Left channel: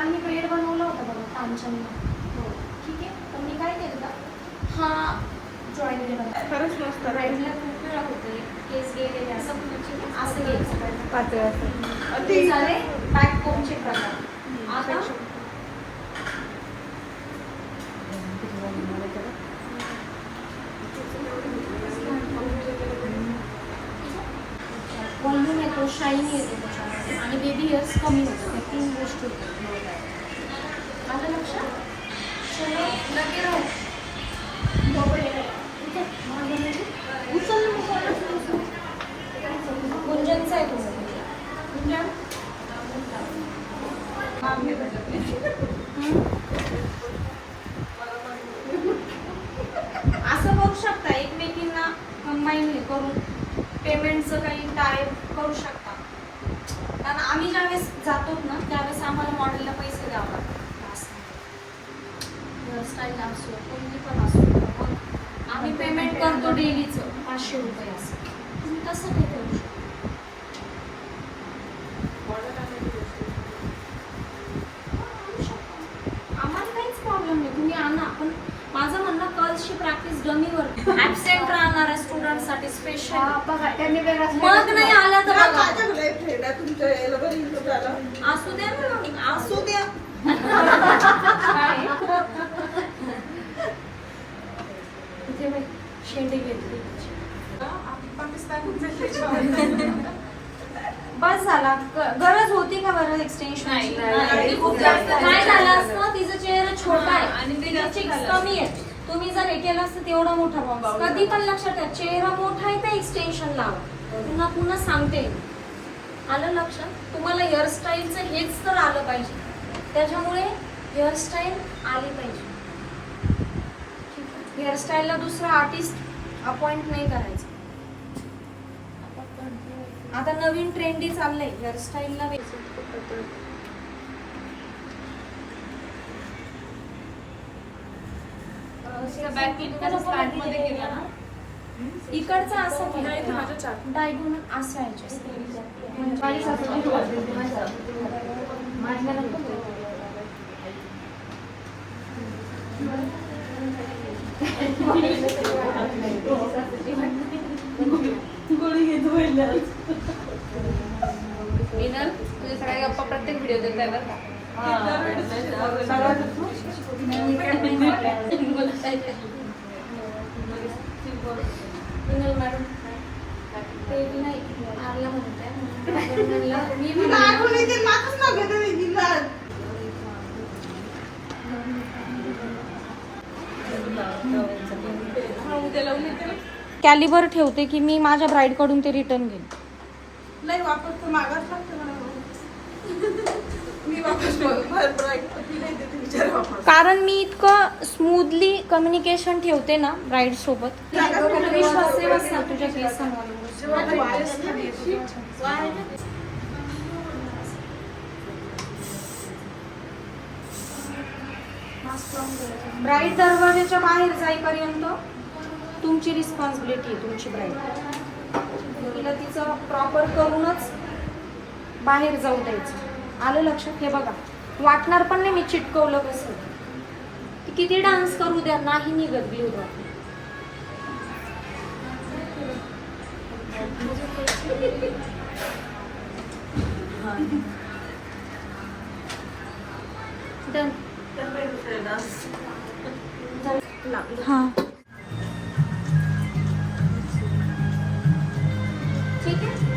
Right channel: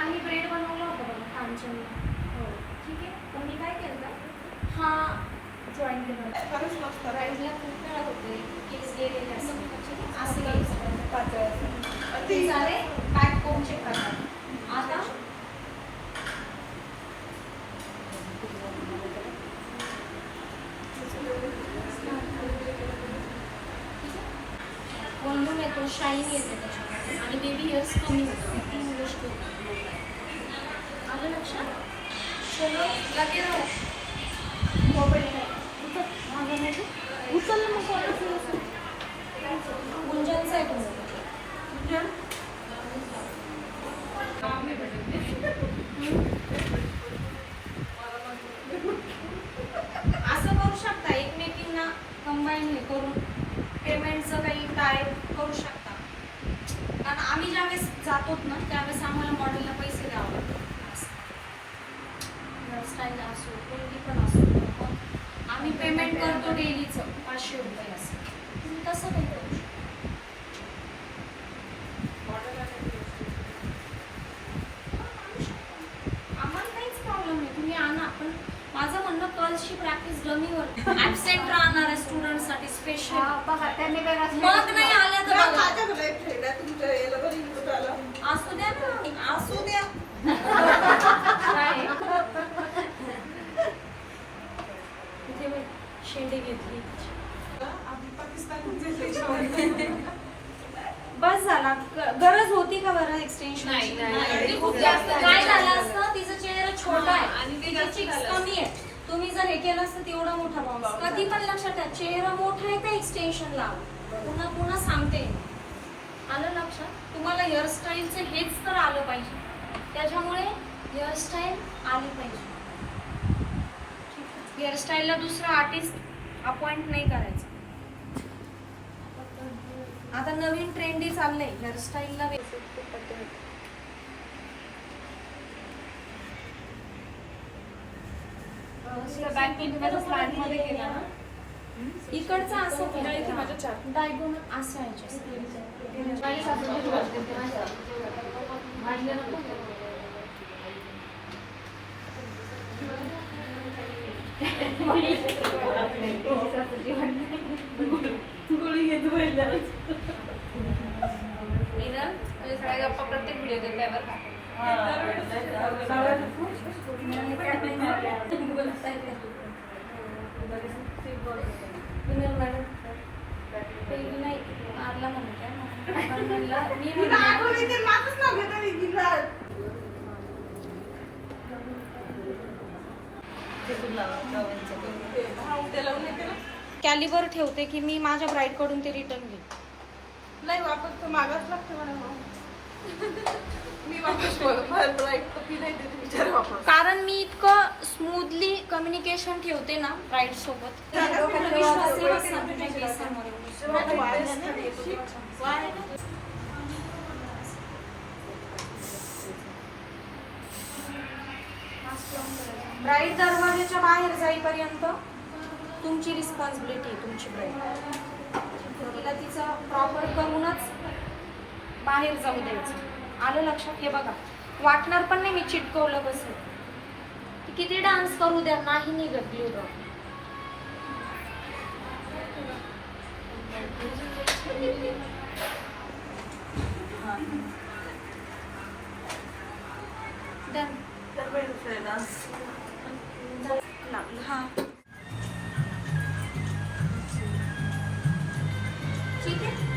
मॅमने bread बनवला होता बघा कांचनला. हो ठीक आहे. तर मी काय केलं हा जॉईन केला खरंच मस्त. ब्रेडला खूप वेळा होते केस गेलेले असं असं घ्यायचं पातळ असं. ते झाले बॅक कोमचे प्रकार. आता व्हॉल्यूम येतो, शाईन येते त्याच्यामध्ये आणि बेबी हेअर्स कमी होतात. हे 3 गोष्टी होतात. आलं लक्षात? चलो लगे राहू. मोबाईल उचल गुंजनचा आहे तुझं. गुंजन असं करू शकता एकमेकींना कंबाईन हे करून पेमेंटचं काही काय करू शकता. कारण आम्ही ज्यावेळेस जातो ना त्यावेळेस आम्हाला मॉडेलला पैसे द्यावं लागतात. हेअरस्टाईल असो कोणती पण असो मग आम्ही पेमेंट करतो डेलीचं 500 रुपये असं. तुम्ही तसं काही करू शकता. आम्हाला काहीच प्रॉब्लेम नाही, तुम्ही आणा. पण माझं म्हणणं कर्ल्सची प्रॅक्टिस डमीवर ऍबसेंट राहणाऱ्या स्टुडंटसाठी स्पेशल. मग नाही आलं तर बघा. असू द्या ना, असू द्या. शेंडे घेतली बस झाला. गरज होती का बरं एक्सटेन्शन? काय झालं असतं तिचा चेहरा छोटा आहे आणि चिक्स कमी आहे. तुम्ही जर हे केलं असतं तेवढा मोठा बॉम्ब. कधी पण लक्षात ठेवा चेहरा मोठा आहे तर एक्सटेन्शन लावा. पुन्हा पुन्हा सांगते. आलं लक्षात? तुम्हाला हेअरस्टाईलचं हेच तर आलं पाहिजे. त्याच्यामुळे हेअरस्टाईल आली पाहिजे. हेअरस्टाईलला दुसरा आर्टिस्ट अपॉइंट नाही करायचा. आता नवीन ट्रेंडी चाललंय हेअरस्टाईलला. इकडचा असं केलं डायगोनल असं गोळी घेतो सगळ्या गप्पा प्रत्येक व्हिडिओ देत आहे बरं का. कॅलिबर ठेवते की मी माझ्या ब्राईड कडून ते रिटर्न घेईन. नाही वापस तर मागाच लागते मला. मी वापस कारण मी इतकं स्मूथली कम्युनिकेशन ठेवते ना ब्राईड सोबत. विश्वास आहे बस ना तुझ्या केसांवर. ब्राईड दरवाजाच्या बाहेर जाईपर्यंत तुमची रिस्पॉन्सिबिलिटी आहे. तुमची ब्राईड तिला तिचं प्रॉपर करूनच बाहेर जाऊ द्यायचं. आलं लक्षात? हे बघा वाटणार पण नाही मी चिटकवलं कसं. ती किती डान्स करू द्या नाही निघत ब्ल्यू ड्रॉप. डन. हा ठीक आहे.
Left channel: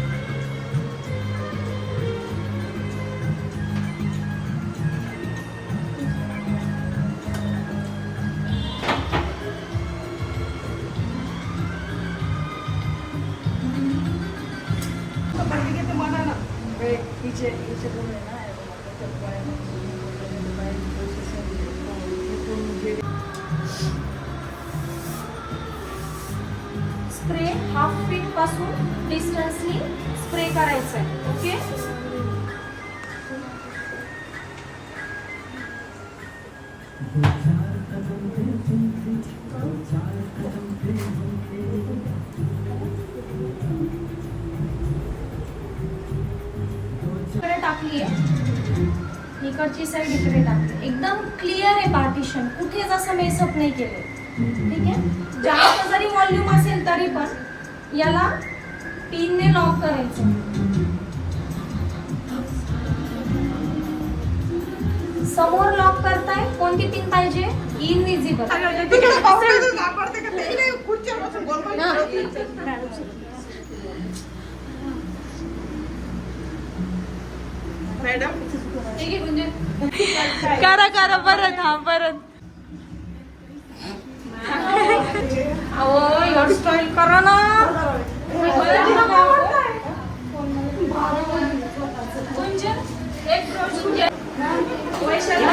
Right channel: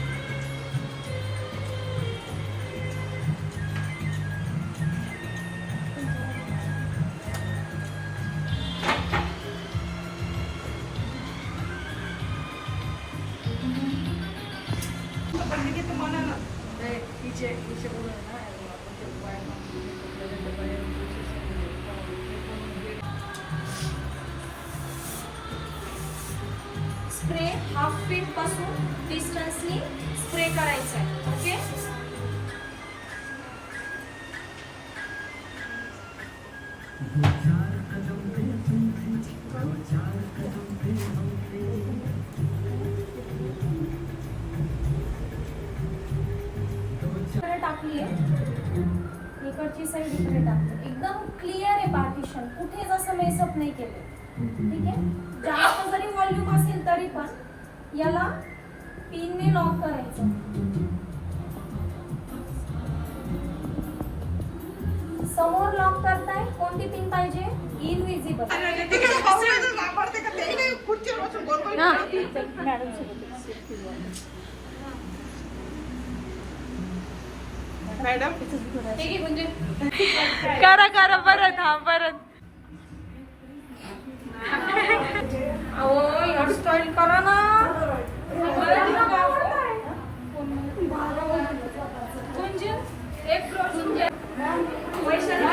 स्प्रे हाफ फीट पासून डिस्टन्सनी स्प्रे करायचा आहे. ओके. स्प्रे टाकली आहे. इकडची साईड इकडे टाकते. एकदम क्लिअर आहे पार्टिशन, कुठेच असं मेसअप नाही केले. ठीक आहे. जास्त जरी व्हॉल्यूम असेल तरी पण याला पिनने लॉक करायचं. समोर लॉक करताय, कोणती पिन पाहिजे? इनविजिबल. सापडते का ते नाही, खुर्चीवर बसून गोल गोल मॅडम हे घे म्हणजे करा करा परत. हा परत. अहो एवढं स्टाईल करा ना. गुंजन एक गुंजन वैशाली